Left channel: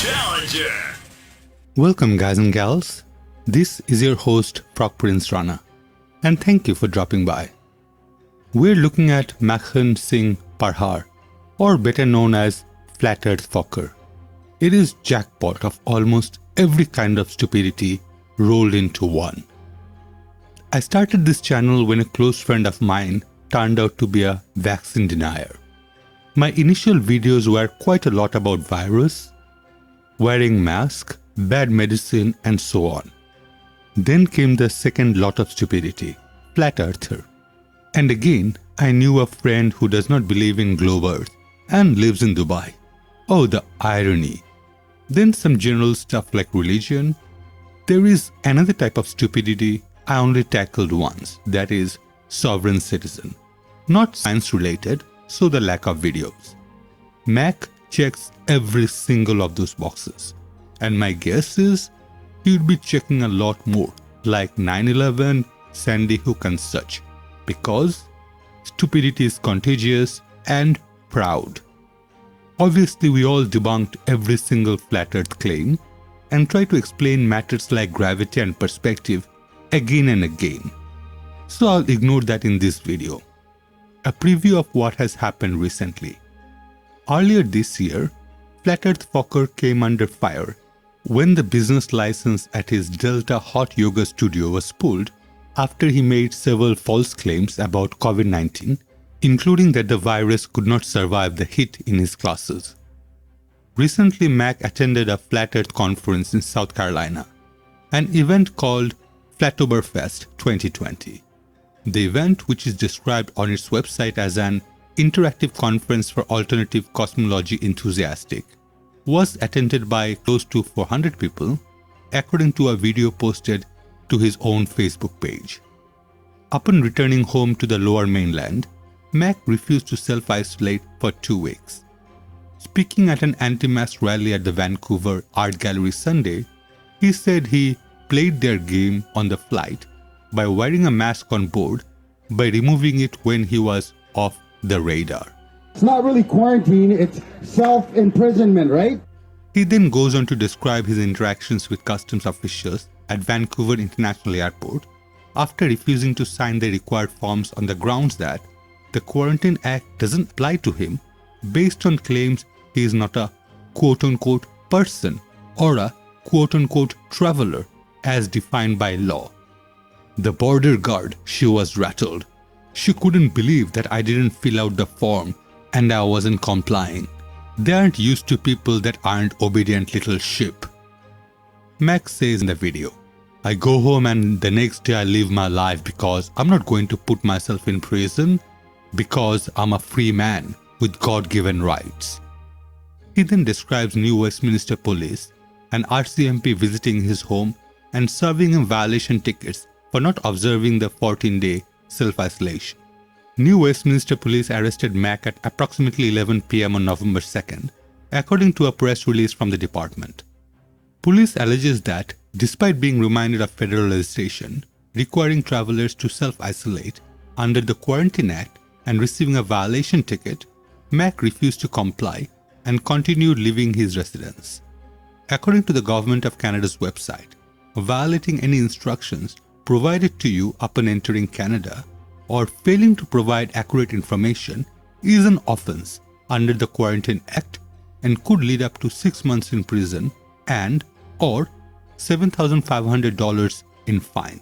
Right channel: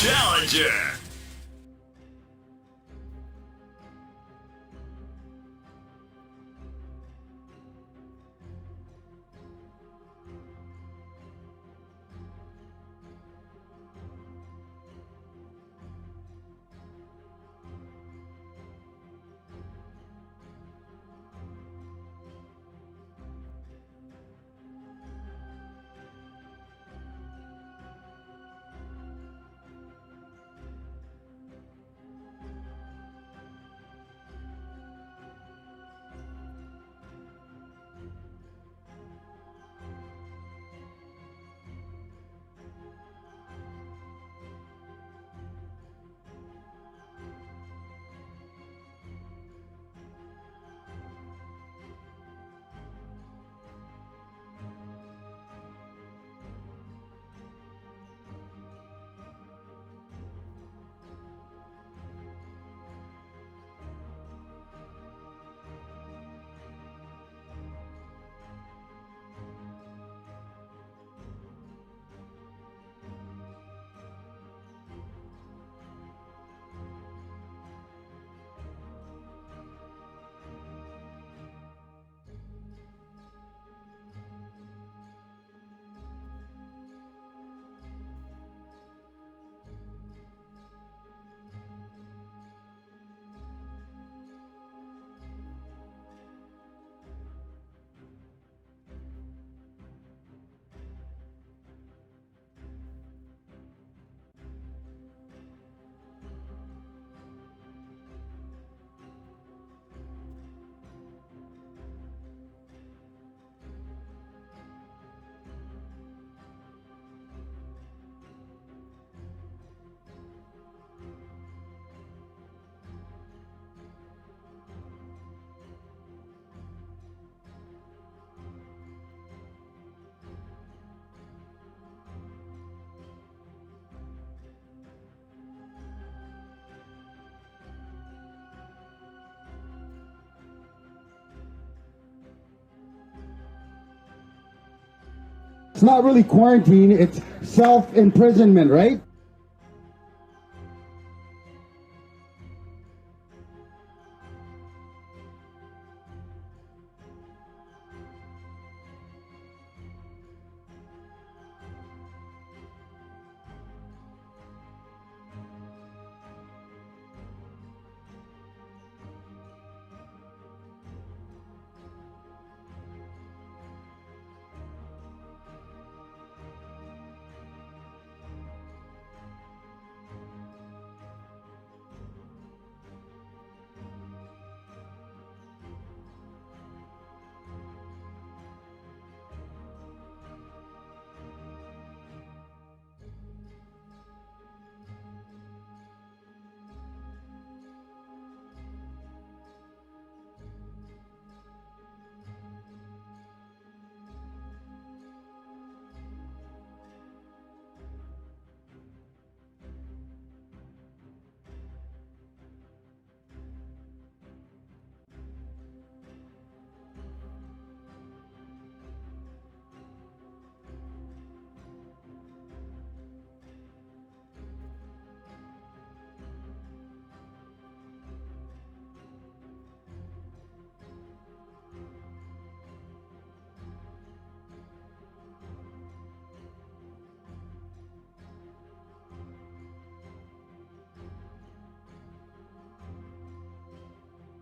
Challenger. Welcome, guys and gals. This is your host, Proc Prince Rana, and thank you for dropping by. We're looking at Makhan Singh Parhar, or better known as Flat Earth Fokker. It is jackpot of almost every kind of stupidity rolled into one. I started this channel when a close friend of mine turned out to be a vaccine denier. My initial videos were quite a lot about virus, wearing mask, bad medicine, and so on. Then came the second lot of stupidity, flat earther. And again, I knew a friend who does not believe in globe earth and lives in Dubai. Oh, the irony. Then some general stuff like religion. There is another type of stupidity I only tackled once, that is sovereign citizen. Not science related, so the lack of videos. Mac checks every single of those boxes. And my guess is he would be checking a lot more, like 9/11, Sandy Hook and such, because stupidity is contagious and proud. Obviously, we all debunked every single flat earth claim and try to explain matters like gravity and perspective again and again. So I'll ignore that in this video. A preview of what has happened recently. Earlier this year, Flat Earth Fokker came under fire when the business license at his Delta Hot Yoga studio was pulled after he made several false claims about COVID-19, including that the virus could not survive the heat in his classes. Recently, Mac attended a Flat Earth conference in South Carolina, an event called Flatoberfest 2020. The event, which is described on its website as an interactive conference for alternative cosmology enthusiastic, was attended by close to 400 people, according to a video posted to his own Facebook page. Upon returning home to the lower mainland, Mac refused to self-isolate for 2 weeks. Speaking at an anti-mask rally at the Vancouver Art Gallery Sunday, he said he played their game on the flight by wearing a mask on board by removing it when he was off the radar. It's not really quarantine, it's self-imprisonment, right? He then goes on to describe his interactions with customs officials at Vancouver International Airport after refusing to sign the required forms on the grounds that the Quarantine Act doesn't apply to him based on claims he is not a quote-unquote person or a quote-unquote traveler as defined by law. The border guard, she was rattled. She couldn't believe that I didn't fill out the form and I wasn't complying. They aren't used to people that aren't obedient little sheep. Max says in the video, I go home and the next day I live my life because I'm not going to put myself in prison because I'm a free man with God-given rights. He then describes New Westminster Police and RCMP visiting his home and serving him violation tickets for not observing the 14-day self-isolation. New Westminster Police arrested Mac at approximately 11 p.m. on November 2nd, according to a press release from the department. Police alleges that, despite being reminded of federal legislation requiring travelers to self-isolate under the Quarantine Act and receiving a violation ticket, Mac refused to comply and continued leaving his residence. According to the Government of Canada's website, violating any instructions provided to you upon entering Canada or failing to provide accurate information is an offense under the Quarantine Act and could lead up to 6 months in prison and or $7,500 in fine.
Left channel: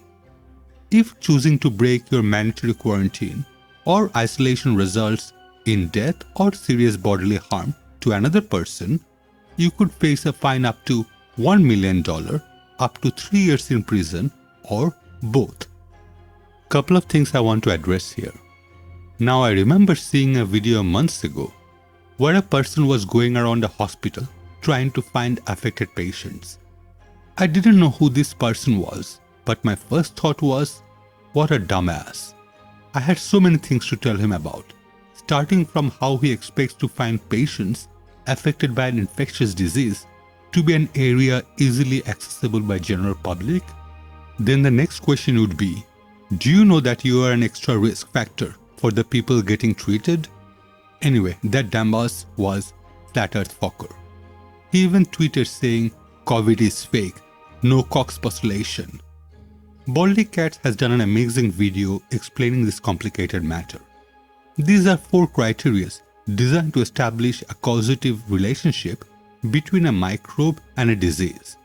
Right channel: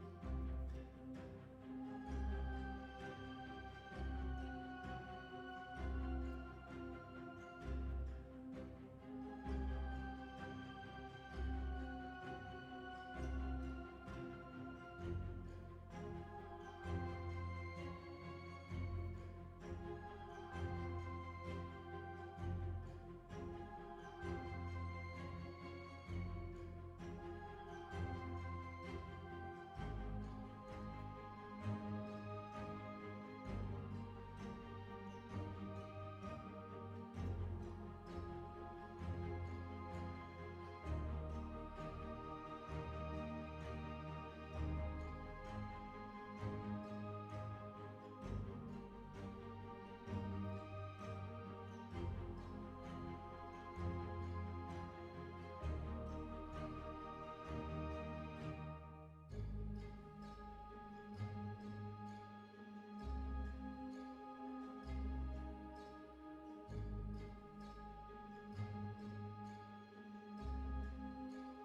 If choosing to break your mandatory quarantine or isolation results in death or serious bodily harm to another person, you could face a fine up to $1 million, up to 3 years in prison, or both. Couple of things I want to address here. Now, I remember seeing a video months ago where a person was going around a hospital trying to find affected patients. I didn't know who this person was, but my first thought was, what a dumbass. I had so many things to tell him about, starting from how he expects to find patients affected by an infectious disease to be an area easily accessible by general public. Then the next question would be, do you know that you are an extra risk factor for the people getting treated? Anyway, that dumbass was Flat Earth Fokker. He even tweeted saying, "COVID is fake, no Koch postulation." Baldy Cats has done an amazing video explaining this complicated matter. These are 4 criteria designed to establish a causative relationship between a microbe and a disease.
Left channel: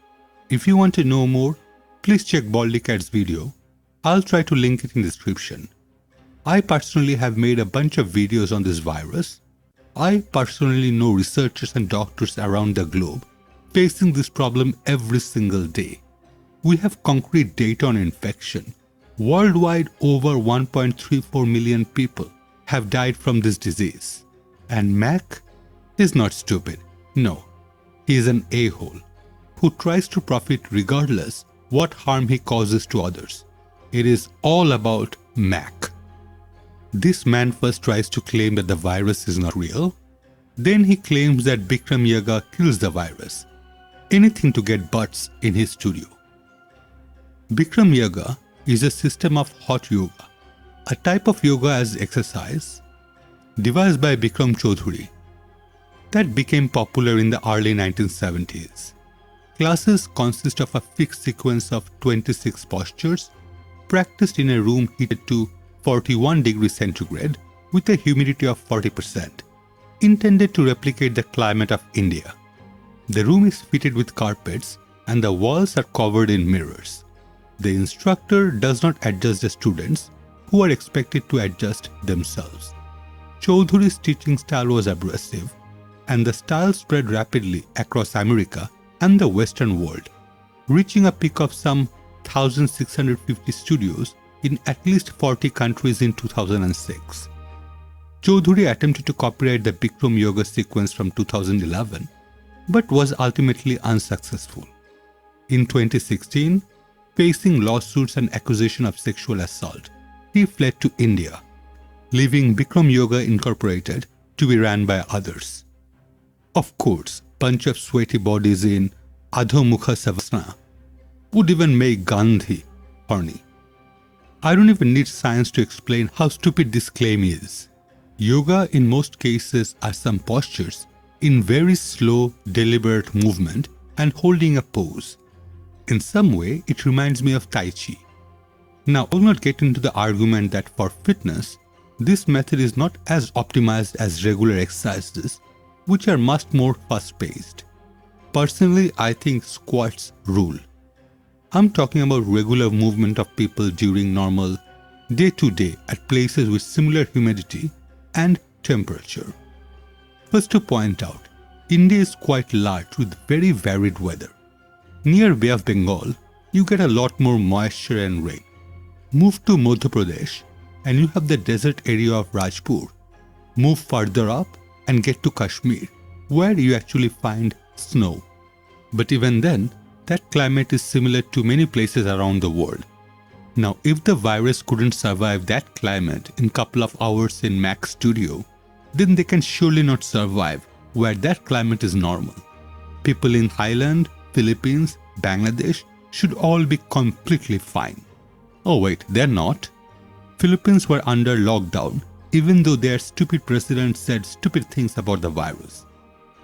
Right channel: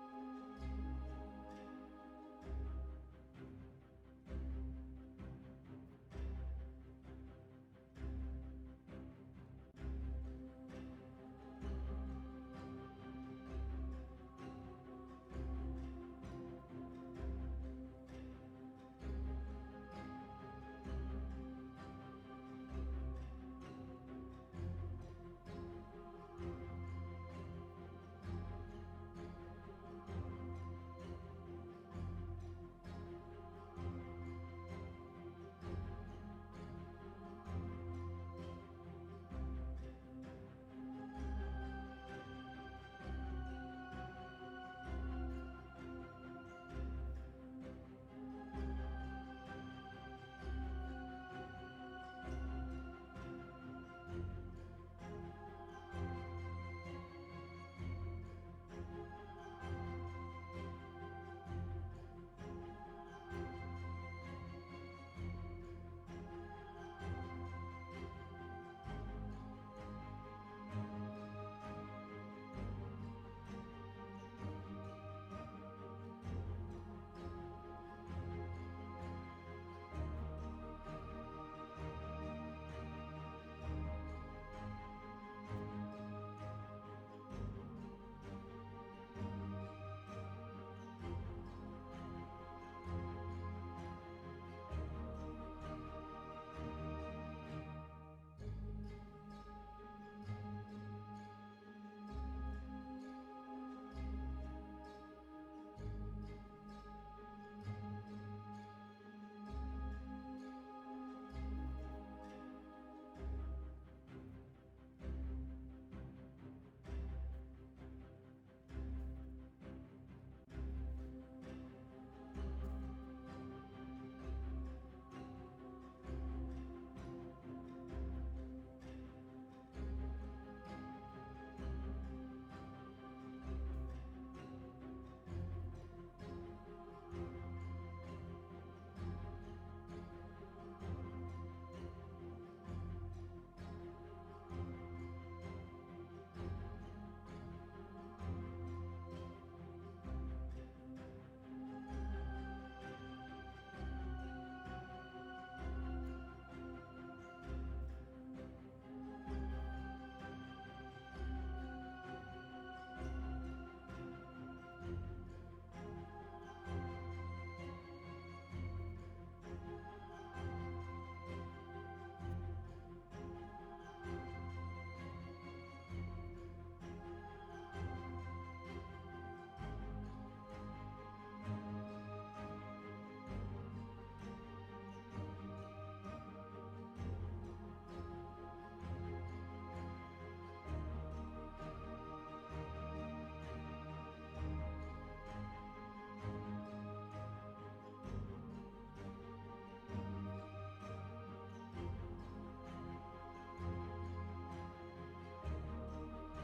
If you want to know more, please check Baldy Cat's video. I'll try to link it in the description. I personally have made a bunch of videos on this virus. I personally know researchers and doctors around the globe facing this problem every single day. We have concrete data on infection. Worldwide, over 1.34 million people have died from this disease. And Mac is not stupid. No, he is an a-hole who tries to profit regardless what harm he causes to others. It is all about Mac. This man first tries to claim that the virus is not real. Then he claims that Bikram Yoga kills the virus. Anything to get butts in his studio. Bikram Yoga is a system of hot yoga, a type of yoga as exercise devised by Bikram Choudhury that became popular in the early 1970s. Classes consist of a fixed sequence of 26 postures practiced in a room heated to 41 degrees centigrade with a humidity of 40%, intended to replicate the climate of India. The room is fitted with carpets and the walls are covered in mirrors. The instructor does not adjust the students, who are expected to adjust themselves. Choudhury's teaching style was abrasive, and the style spread rapidly across America and the Western world, reaching a peak of some 1,650 studios in at least 40 countries in 2006. Choudhury attempted to copyright the Bikram Yoga sequence from 2011, but was ultimately unsuccessful. In 2016, facing lawsuits and accusation of sexual assault, he fled to India, leaving Bikram Yoga Incorporated to be ran by others. Of course, bunch of sweaty bodies in Adho Mukha Savasana would even make Gandhi horny. I don't even need science to explain how stupid this claim is. Yoga in most cases are some postures in very slow, deliberate movement and holding a pose. In some way, it reminds me of Tai Chi. Now, I will not get into the argument that for fitness, this method is not as optimized as regular exercises, which are much more fast-paced. Personally, I think squats rule. I'm talking about regular movement of people during normal day-to-day at places with similar humidity and temperature. First to point out, India is quite large with very varied weather. Near Bay of Bengal, you get a lot more moisture and rain. Move to Madhya Pradesh and you have the desert area of Rajpur. Move further up and get to Kashmir, where you actually find snow. But even then, that climate is similar to many places around the world. Now, if the virus couldn't survive that climate in a couple of hours in Mac's studio, then they can surely not survive where that climate is normal. People in Thailand, Philippines, Bangladesh should all be completely fine. Oh wait, they're not. Philippines were under lockdown even though their stupid president said stupid things about the virus.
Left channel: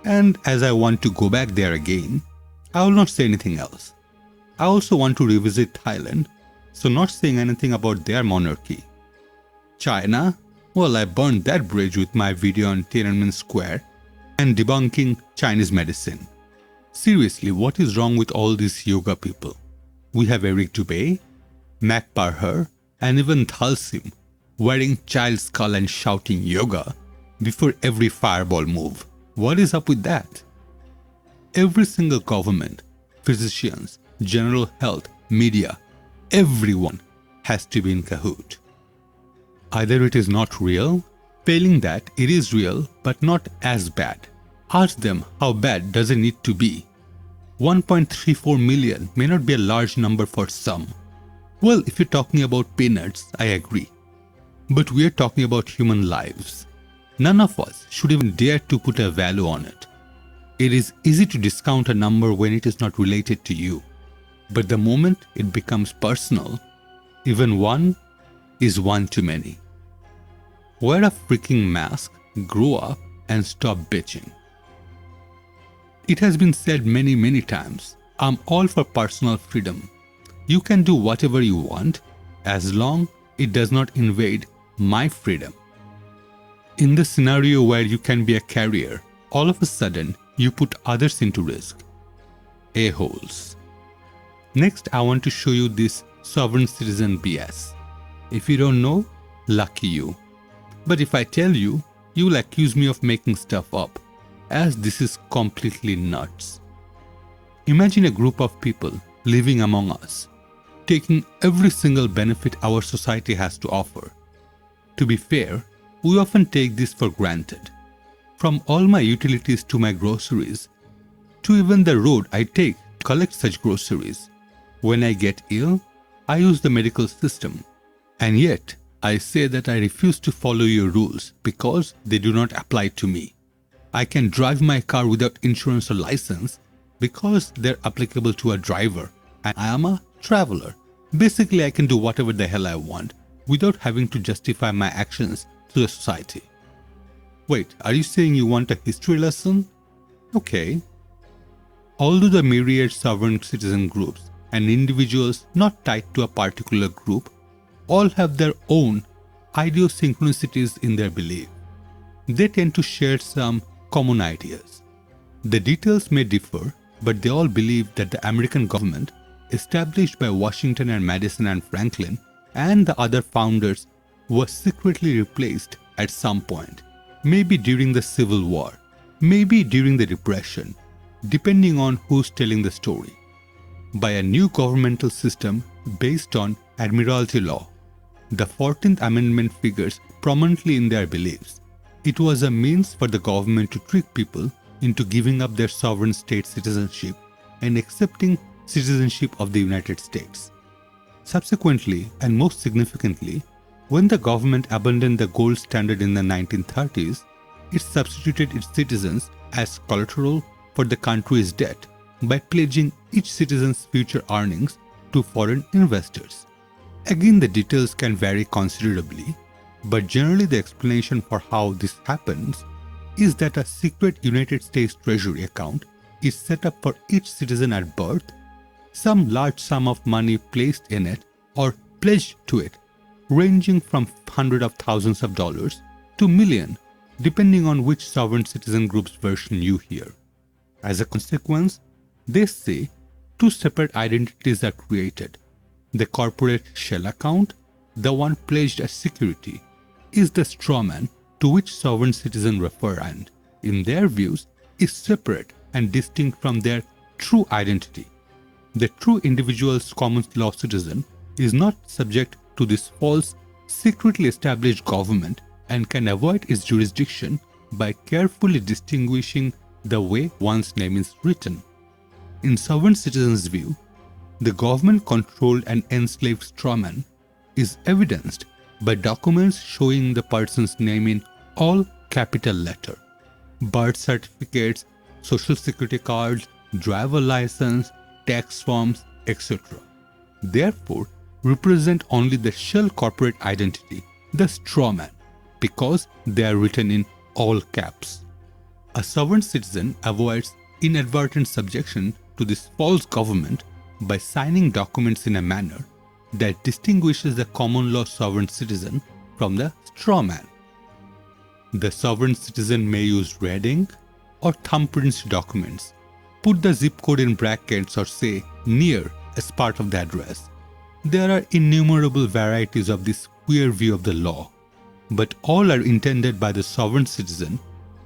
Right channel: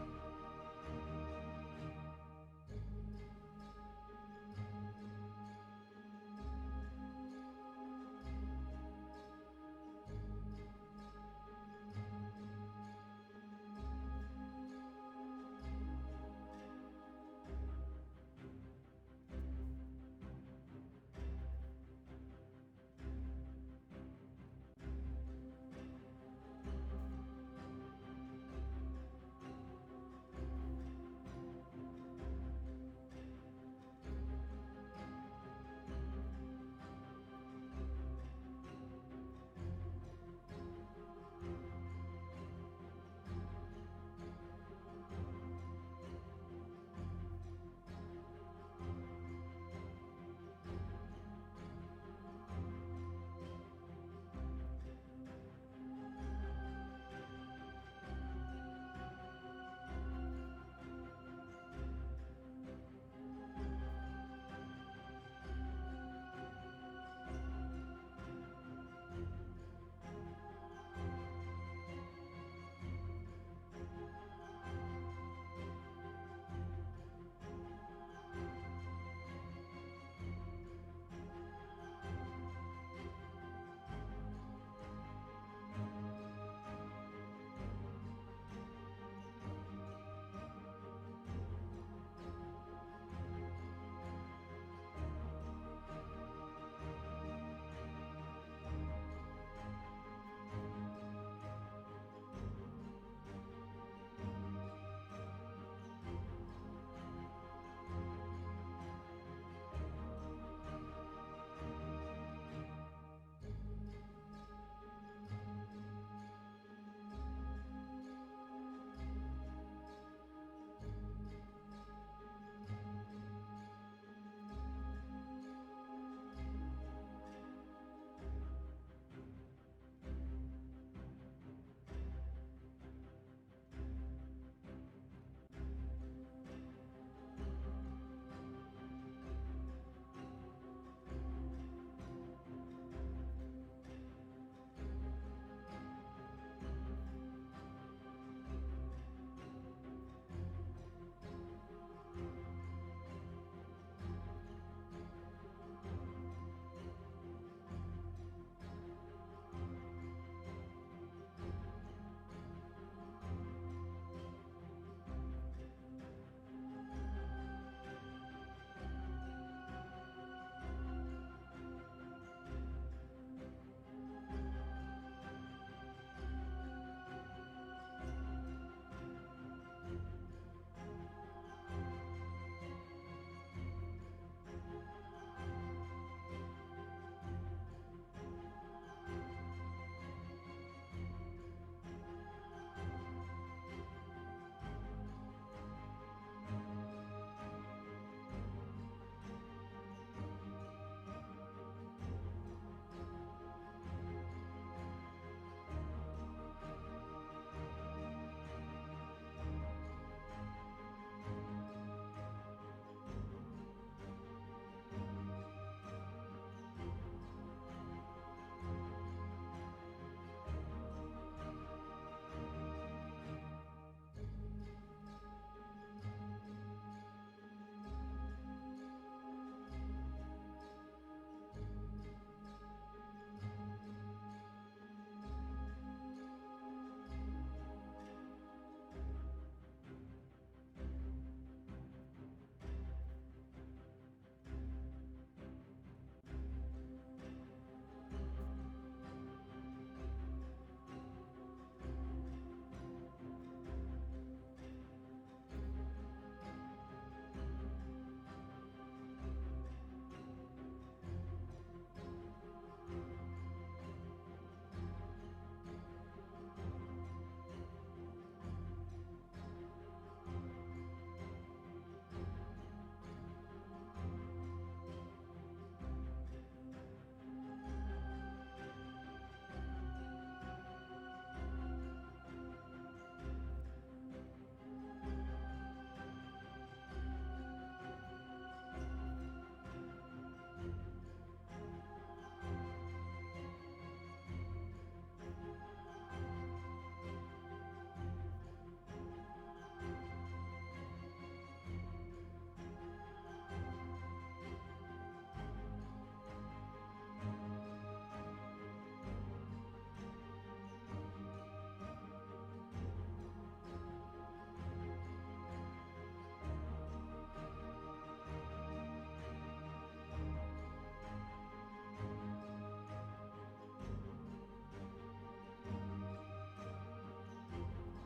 And as I want to go back there again, I will not say anything else. I also want to revisit Thailand, so not saying anything about their monarchy. China? Well, I burned that bridge with my video on Tiananmen Square and debunking Chinese medicine. Seriously, what is wrong with all these yoga people? We have Eric Dubay, Mac Parhar, and even Thalsim wearing child skull and shouting yoga before every fireball move. What is up with that? Every single government, physicians, general health, media, everyone has to be in cahoot. Either it is not real, failing that it is real but not as bad. Ask them how bad does it need to be. 1.34 million may not be a large number for some. Well, if you're talking about peanuts, I agree. But we are talking about human lives. None of us should even dare to put a value on it. It is easy to discount a number when it is not related to you. But the moment it becomes personal, even one is one too many. Wear a freaking mask, grow up, and stop bitching. It has been said many times, I'm all for personal freedom. You can do whatever you want as long it does not invade my freedom. In the scenario where you can be a carrier, all of a sudden you put others into risk. A-holes. Next, I want to show you this sovereign citizen BS. If you don't know, lucky you. But if I tell you, you will accuse me of making stuff up, as this is completely nuts. Imagine a group of people living among us, taking every single benefit our society has to offer. To be fair, we often take this for granted. From all my utilities to my groceries, to even the road I take to collect such groceries. When I get ill, I use the medical system. And yet, I say that I refuse to follow your rules because they do not apply to me. I can drive my car without insurance or license because they're applicable to a driver, and I am a traveler. Basically, I can do whatever the hell I want without having to justify my actions to the society. Wait, are you saying you want a history lesson? Okay. Although the myriad sovereign citizen groups and individuals not tied to a particular group all have their own idiosyncrasies in their belief, they tend to share some common ideas. The details may differ, but they all believe that the American government, established by Washington and Madison and Franklin and the other founders, was secretly replaced at some point, maybe during the Civil War, maybe during the Depression, depending on who's telling the story, by a new governmental system based on Admiralty law. The 14th Amendment figures prominently in their beliefs. It was a means for the government to trick people into giving up their sovereign state citizenship and accepting citizenship of the United States. Subsequently, and most significantly, when the government abandoned the gold standard in the 1930s, it substituted its citizens as collateral for the country's debt by pledging each citizen's future earnings to foreign investors. Again, the details can vary considerably, but generally the explanation for how this happens is that a secret United States Treasury account is set up for each citizen at birth, some large sum of money placed in it or pledged to it, ranging from hundreds of thousands of dollars to millions, depending on which sovereign citizen group's version you hear. As a consequence, they say two separate identities are created. The corporate shell account, the one pledged as security, is the strawman to which sovereign citizens refer and, in their views, is separate and distinct from their true identity. The true individual's common law citizen is not subject to this false, secretly established government and can avoid its jurisdiction by carefully distinguishing the way one's name is written. In sovereign citizens' view, the government-controlled and enslaved strawman is evidenced by documents showing the person's name in all capital letter, birth certificates, social security cards, driver license, tax forms, etc. Therefore, represent only the shell corporate identity, the strawman, because they are written in all caps. A sovereign citizen avoids inadvertent subjection to this false government by signing documents in a manner that distinguishes the common law sovereign citizen from the strawman. The sovereign citizen may use red ink or thumbprints documents, put the zip code in brackets or say near as part of the address. There are innumerable varieties of this queer view of the law, but all are intended by the sovereign citizen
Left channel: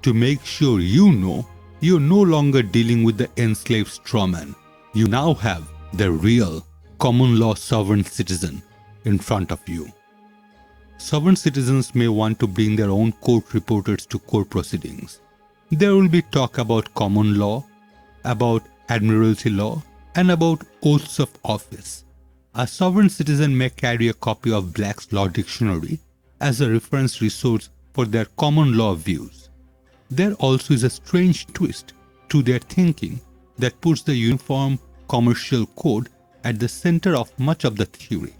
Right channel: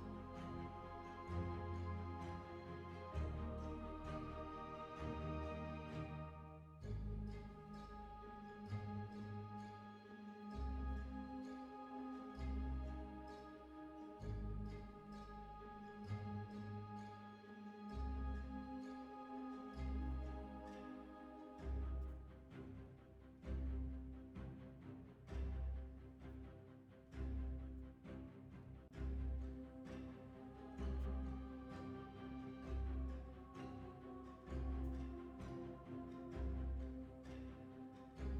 to make sure you know you're no longer dealing with the enslaved strawman. You now have the real common law sovereign citizen in front of you. Sovereign citizens may want to bring their own court reporters to court proceedings. There will be talk about common law, about admiralty law, and about oaths of office. A sovereign citizen may carry a copy of Black's Law Dictionary as a reference resource for their common law views. There also is a strange twist to their thinking that puts the Uniform Commercial Code at the center of much of the theory.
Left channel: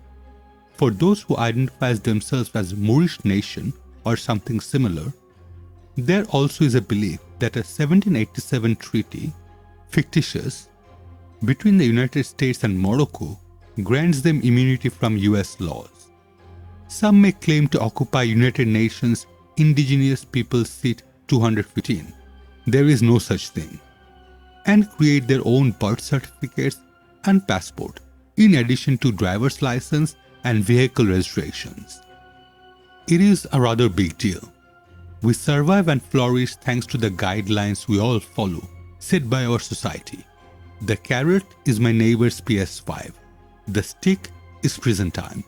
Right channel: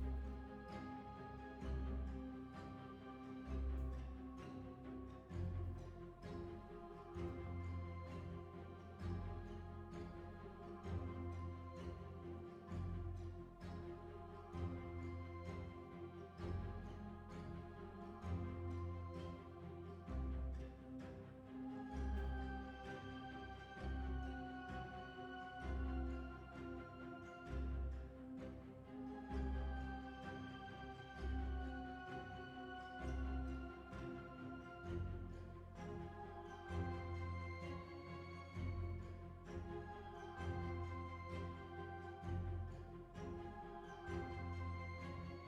For those who identify themselves as Moorish nation or something similar, there also is a belief that a 1787 treaty fictitious, between the United States and Morocco grants them immunity from US laws. Some may claim to occupy United Nations Indigenous Peoples Seat 215. There is no such thing. And create their own birth certificates and passport, in addition to driver's license and vehicle registrations. It is a rather big deal. We survive and flourish thanks to the guidelines we all follow, set by our society. The carrot is my neighbor's PS5. The stick is prison time.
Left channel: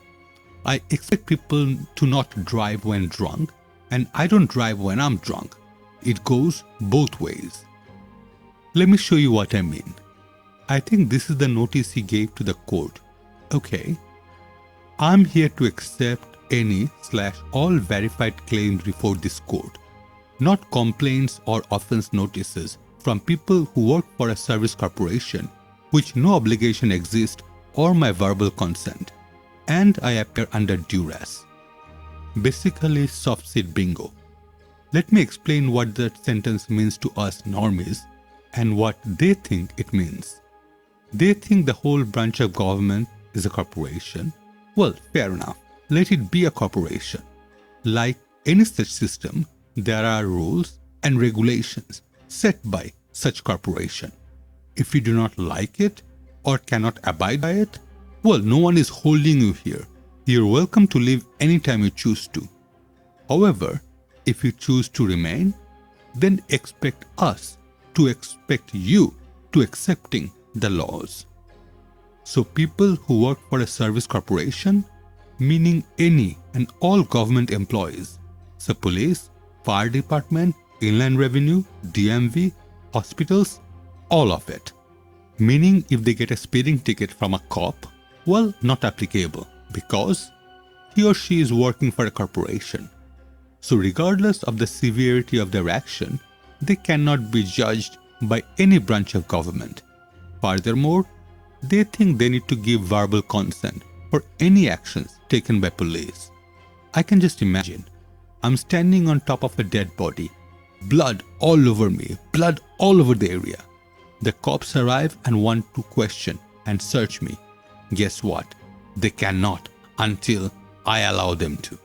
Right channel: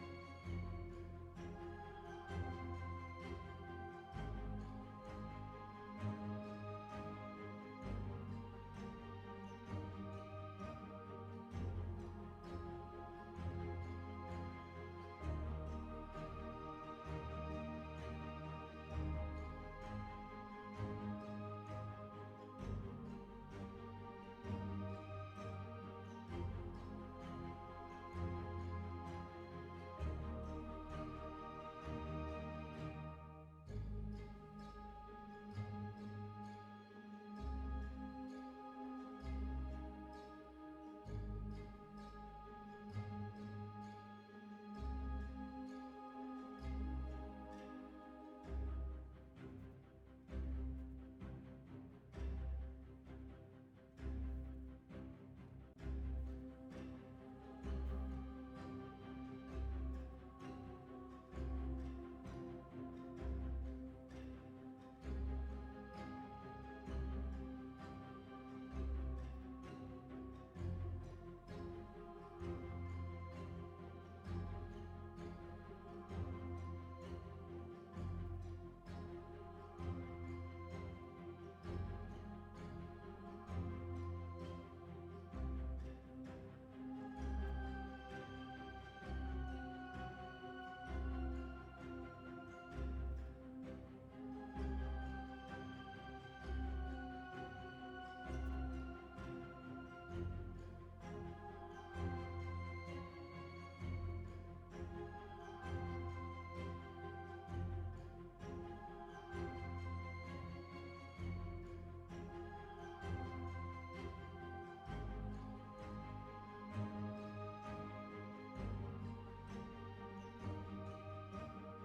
I expect people to not drive when drunk, and I don't drive when I'm drunk. It goes both ways. Let me show you what I mean. I think this is the notice he gave to the court. Okay, I'm here to accept any/all verified claims before this court, not complaints or offense notices from people who work for a service corporation, which no obligation exists, or my verbal consent, and I appear under duress. Basically, soft seat bingo. Let me explain what that sentence means to us normies and what they think it means. They think the whole branch of government is a corporation. Well, fair enough. Let it be a corporation. Like any such system, there are rules and regulations set by such corporation. If you do not like it or cannot abide by it, well, no one is holding you here. You're welcome to leave anytime you choose to. However, if you choose to remain, then expect us to expect you to accepting the laws. So people who work for a service corporation, meaning any and all government employees, so police, fire department, inland revenue, DMV, hospitals, all of it. Meaning if they get a speeding ticket from a cop, well, not applicable because he or she is working for a corporation. So regardless of the severity of their action, they cannot be judged by any branch of government. Furthermore, they think they need to give verbal consent for any actions taken by police. I can just imagine, I'm standing on top of a dead body, blood all over me, blood all over the area. The cops arrive and want to question and search me. Guess what? They cannot until I allow them to.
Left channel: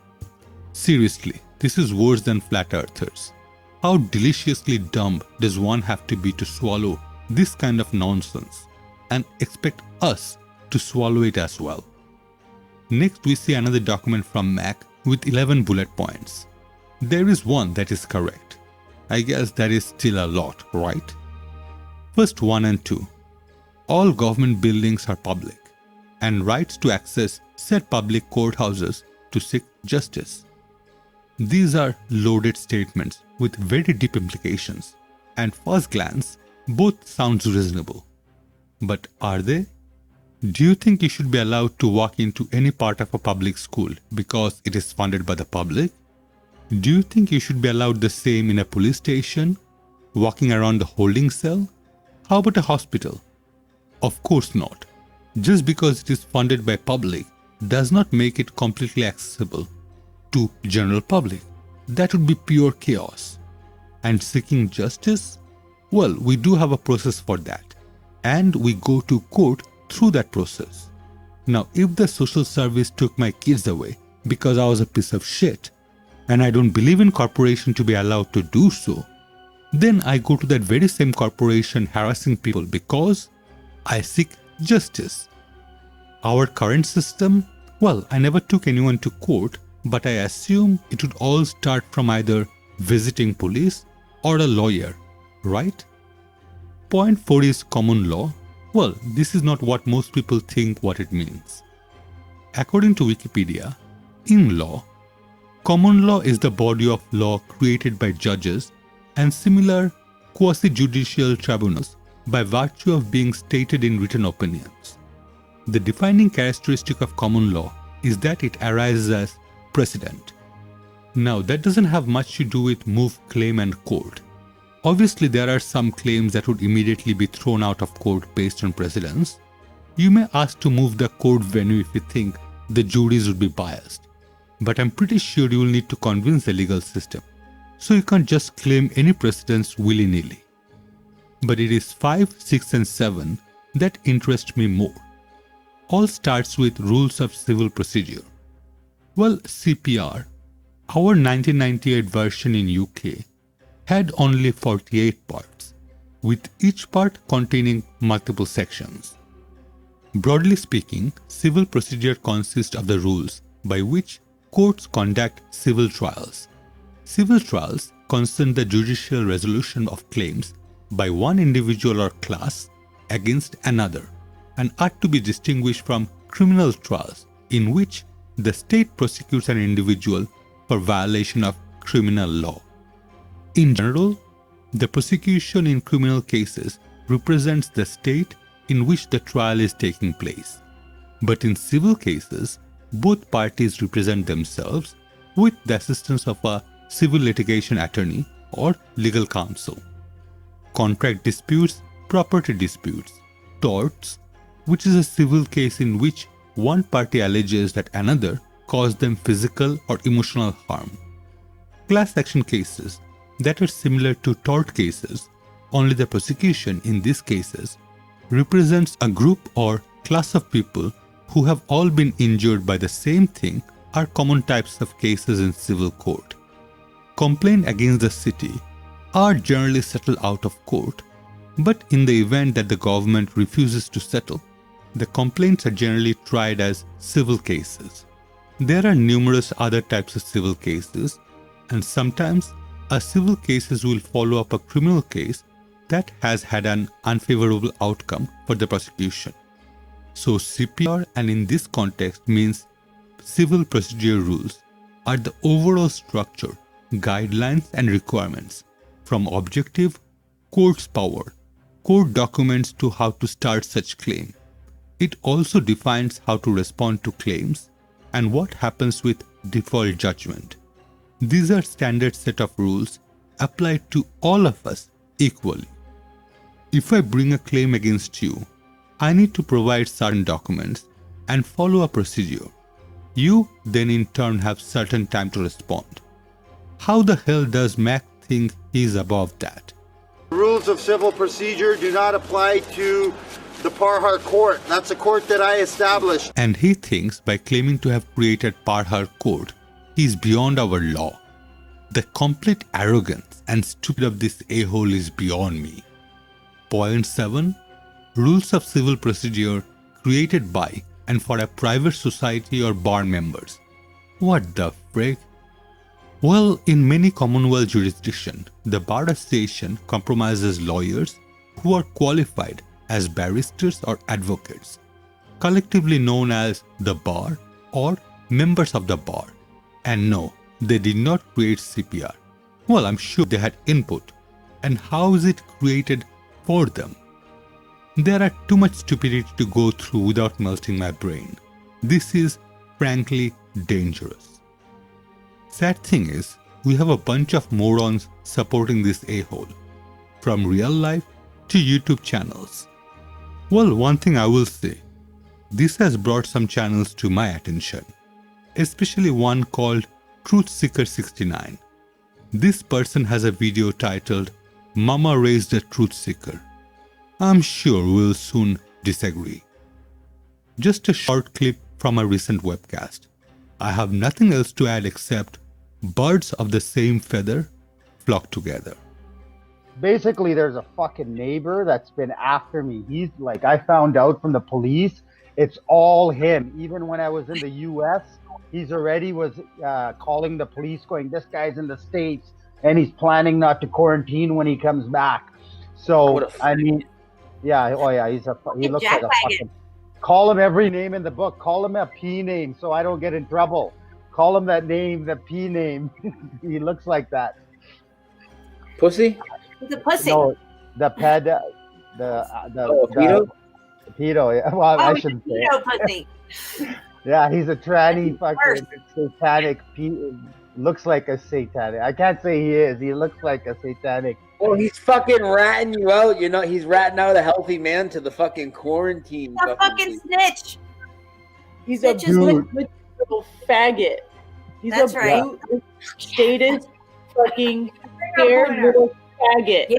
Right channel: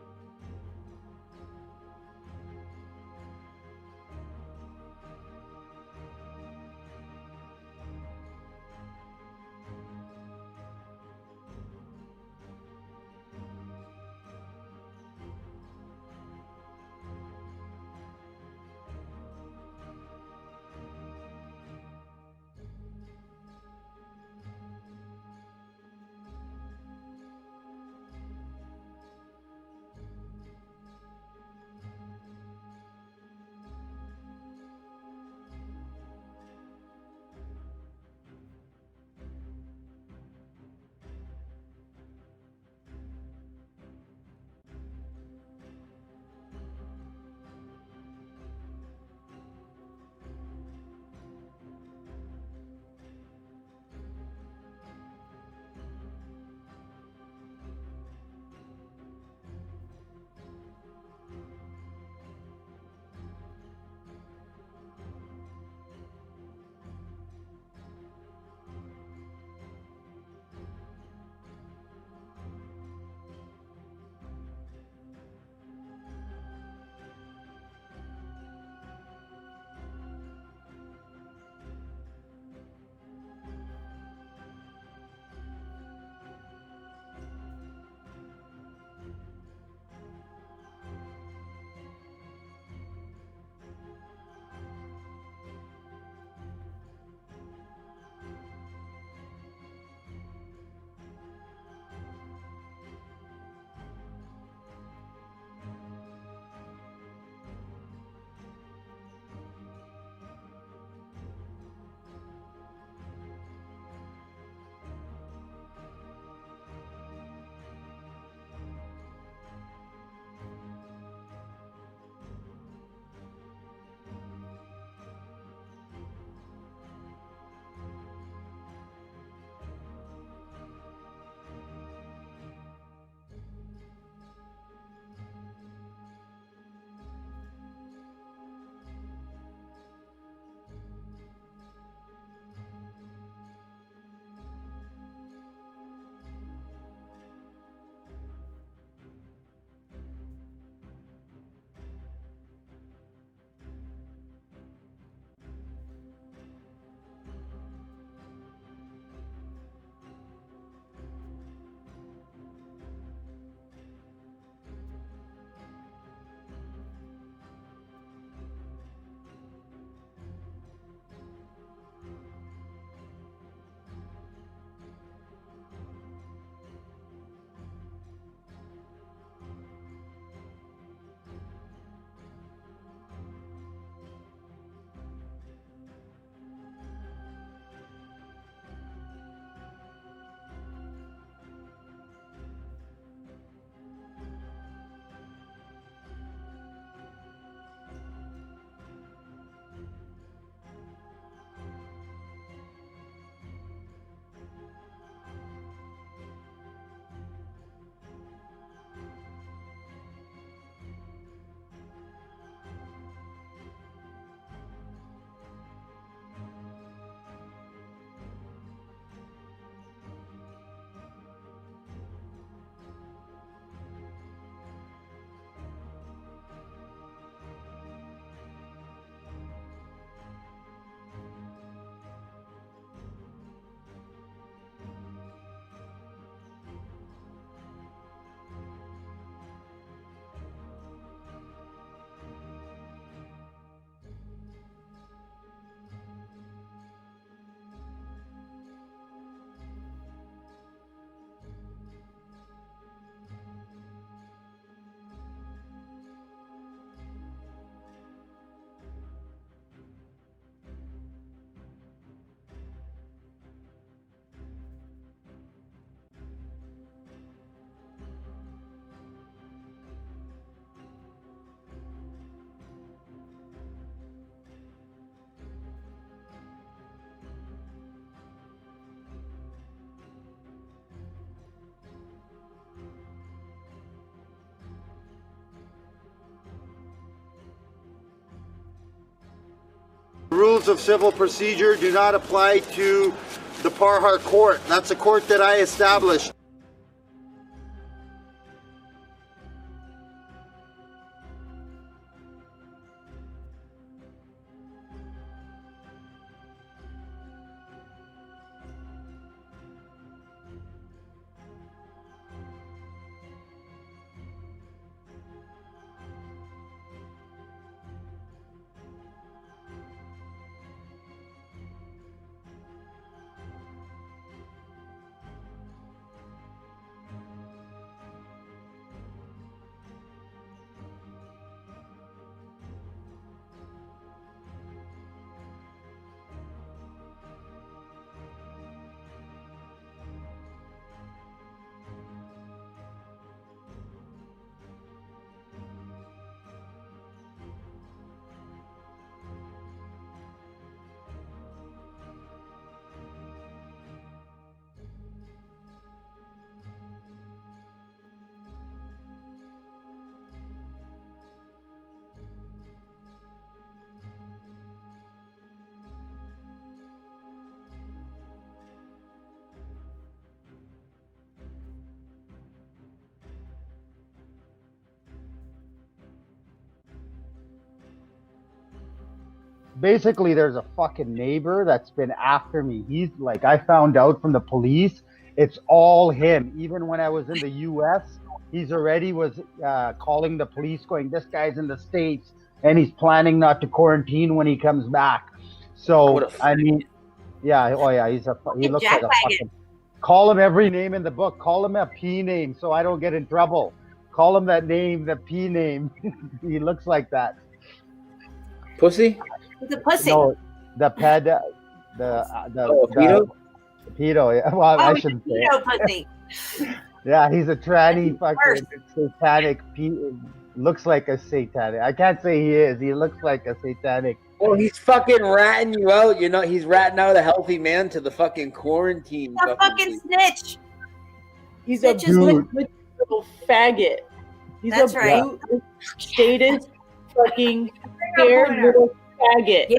Seriously, this is worse than flat earthers. How deliciously dumb does one have to be to swallow this kind of nonsense and expect us to swallow it as well? Next, we see another document from MAC with 11 bullet points. There is one that is correct. I guess that is still a lot, right? First 1 and 2. All government buildings are public, and rights to access said public courthouses to seek justice. These are loaded statements with very deep implications, and first glance, both sounds reasonable. But are they? Do you think you should be allowed to walk into any part of a public school because it is funded by the public? Do you think you should be allowed the same in a police station, walking around the holding cell? How about a hospital? Of course not. Just because it is funded by public does not make it completely accessible to general public. That would be pure chaos. And seeking justice? Well, we do have a process for that. And we go to court through that process. Now, if the social service took my kids away because I was a piece of shit, and I don't believe in corporation to be allowed to do so, then I go to that very same corporation harassing people because I seek justice. Our current system, well, I never took anyone to court, but I assume it would all start from either visiting police or a lawyer, right? Point 4 is common law. Well, this is not what most people think what it means. According to Wikipedia, in law, common law is the body of law created by judges and similar quasi-judicial tribunals by virtue of being stated in written opinions. The defining characteristic of common law is that it arises as precedent. Now, that doesn't have much to do with move, claim and court. Obviously, there are some claims that would immediately be thrown out of court based on precedents. You may ask to move the court venue if you think the juries would be biased. But I'm pretty sure you will need to convince the legal system. So you can't just claim any precedents willy-nilly. But it is 5, 6 and 7 that interest me more. All starts with rules of civil procedure. Well, CPR, our 1998 version in UK, had only 48 parts, with each part containing multiple sections. Broadly speaking, civil procedure consists of the rules by which courts conduct civil trials. Civil trials concern the judicial resolution of claims by one individual or class against another and are to be distinguished from criminal trials in which the state prosecutes an individual for violation of criminal law. In general, the prosecution in criminal cases represents the state in which the trial is taking place. But in civil cases, both parties represent themselves with the assistance of a civil litigation attorney or legal counsel. Contract disputes, property disputes, torts, which is a civil case in which one party alleges that another caused them physical or emotional harm. Class action cases that are similar to tort cases, only the prosecution in these cases represents a group or class of people who have all been injured by the same thing, are common types of cases in civil court. Complaints against the city are generally settled out of court, but in the event that the government refuses to settle, the complaints are generally tried as civil cases. There are numerous other types of civil cases, and sometimes a civil cases will follow up a criminal case that has had an unfavorable outcome for the prosecution. So CPR, and in this context means civil procedure rules, are the overall structure, guidelines and requirements from objective, court's power, court documents to how to start such claim. It also defines how to respond to claims and what happens with default judgment. These are standard set of rules applied to all of us equally. If I bring a claim against you, I need to provide certain documents and follow a procedure. You then in turn have certain time to respond. How the hell does Mac think he's above that? Rules of civil procedure do not apply to the Parhar court. That's a court that I established. And he thinks by claiming to have created Parhar court, he is beyond our law. The complete arrogance and stupidity of this a-hole is beyond me. Point 7. Rules of civil procedure created by and for a private society or bar members. What the frick? Well, in many Commonwealth jurisdictions, the Bar Association comprises lawyers who are qualified as barristers or advocates, collectively known as the bar or members of the bar. And no, they did not create CPR. Well, I'm sure they had input. And how is it created for them? There are too much stupidity to go through without melting my brain. This is frankly dangerous. Sad thing is, we have a bunch of morons supporting this a-hole, from real life to YouTube channels. Well, one thing I will say, this has brought some channels to my attention, especially one called Truthseeker69. This person has a video titled Mama Raised a Truth Seeker. I'm sure we'll soon disagree. Just a short clip from a recent webcast. I have nothing else to add except birds of the same feather flock together. Basically, there's a fucking neighbor that's been after me. He's like, I found out from the police, it's all him. Even when I was in the US, he's already was calling the police going, this guy's in the States and he's planning not to quarantine when he comes back. So, I mean, yeah, oh yeah, he looks like a fucking, call him every name in the book. Call him a P name so I don't get in trouble. Call him that name, the P name. He looks like that. Pussy? The pussy. No, the ped, pedo? Pedo, yeah. Well, I shouldn't say pedo it. pussy. Yeah, he's a tranny fucking satanic. Looks like a satanic. I can't say he is. He looks like a satanic. Oh, he's fucking ratting you out. You know, he's ratting out a healthy man to the fucking quarantine. He's a fucking snitch. He's Snitch a is blue little faggot. He's That's a right. blue, stated, fucking scared little faggot. Yeah.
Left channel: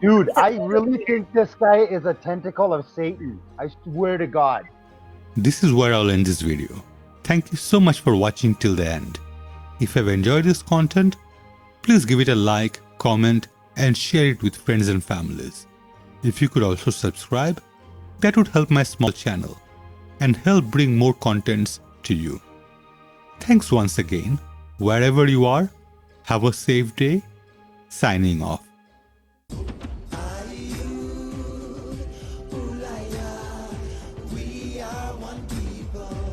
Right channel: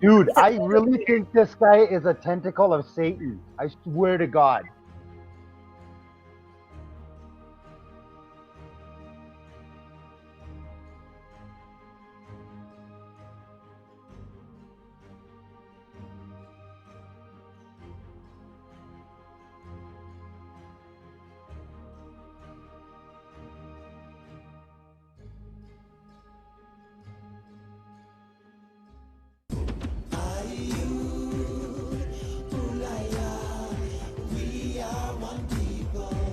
Dude, I really think this guy is a tentacle of Satan. I swear to God. This is where I'll end this video. Thank you so much for watching till the end. If you've enjoyed this content, please give it a like, comment, and share it with friends and families. If you could also subscribe, that would help my small channel and help bring more contents to you. Thanks once again. Wherever you are, have a safe day. Signing off. We are one people.